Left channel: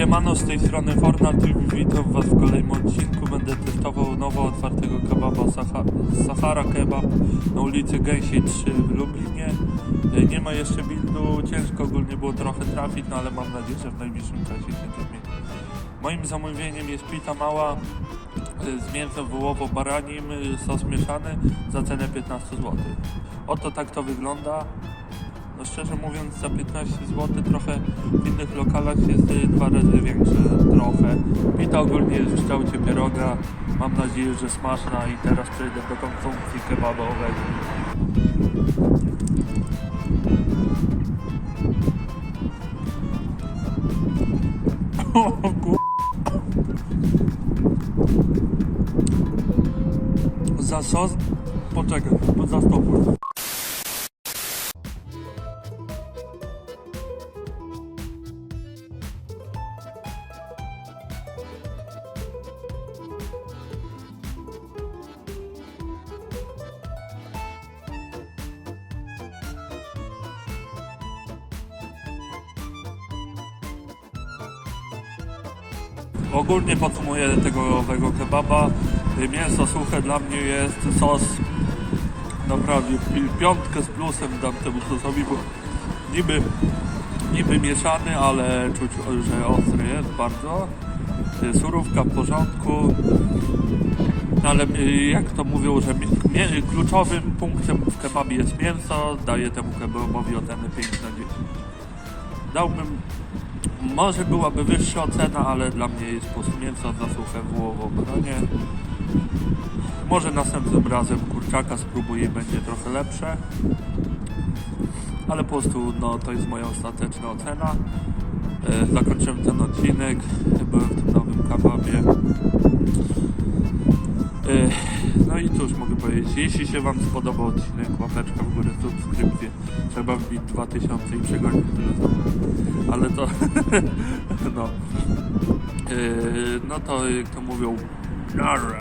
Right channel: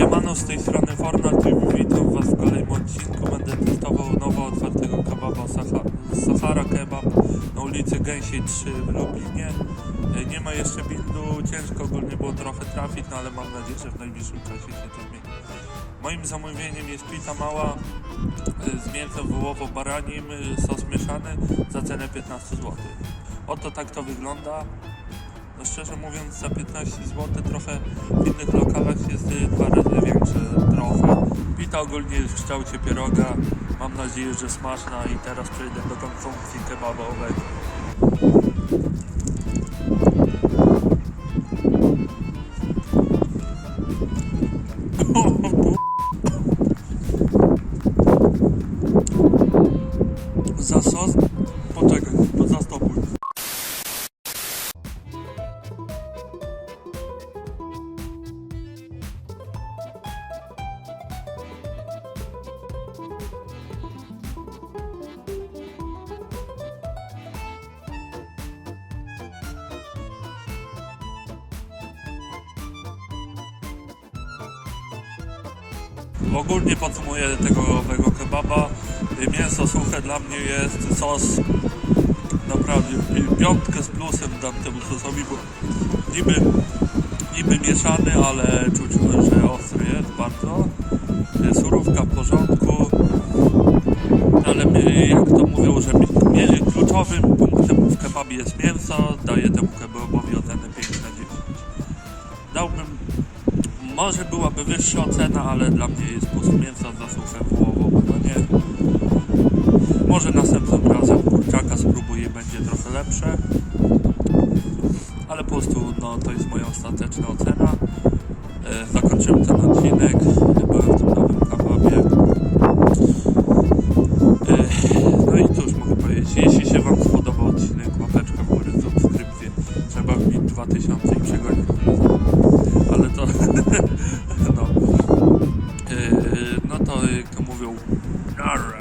Siemano, z tej strony Fornat i witam was w kolejnym odcinku. Będę testował nowo otwartego kebaba Saha Sahara Kebab na ulicy Gęsiej 3 w Lublinie. E, Nie ma jeszcze buildu, ciężko ogólnie było trochę trafić, no ale mam nadzieję, że w najbliższym czasie się to zmieni. Moim zamówieniem jest pita mała e, z mięsem wołowo-baranim, e, sos mieszany za cenę 15 zł. Oto tak to wygląda. No szczerze mówiąc za 15 zł trochę w innych lokalach jest y, dwa razy większe trochę. Pita ogólnie jest w kształcie pieroga. Mam nadzieję, że smaczna i teraz przejdę do konsumpcji kebabowego. O, kur- Za sos? Poczekaj, to zastopuj. Ogólnie podsumuję tego owego kebaba. Y, Mięso suche dla mnie jest sos naprawdę pi- piątkę z plusem dam temu sosowi, bo niby, niby mieszany, ale czuć, że ostry jest bardzo. Y, Surówka w porządku. Ale y, jak to mówią, że kluczowym punktem w kebabie jest mięso, daję temu kebabowi ocenę 5 na 10. Dałbym może byłaby wyższa ocena, ale dla mnie jest po prostu mięso za suche wołowo, no nie. Może następnym razem kurczaka spróbuję będzie trochę lepsze. Ale po prostu no, to jest moja ostateczna ocena. E, zakończyłem ten odcinek. Byłem w tym nowym kebabie. E, no i cóż mogę powiedzieć. Jeśli się Wam spodobał odcinek, łapeczka 2000 i przegonić ale to no. Yy, no to to mówią, nara.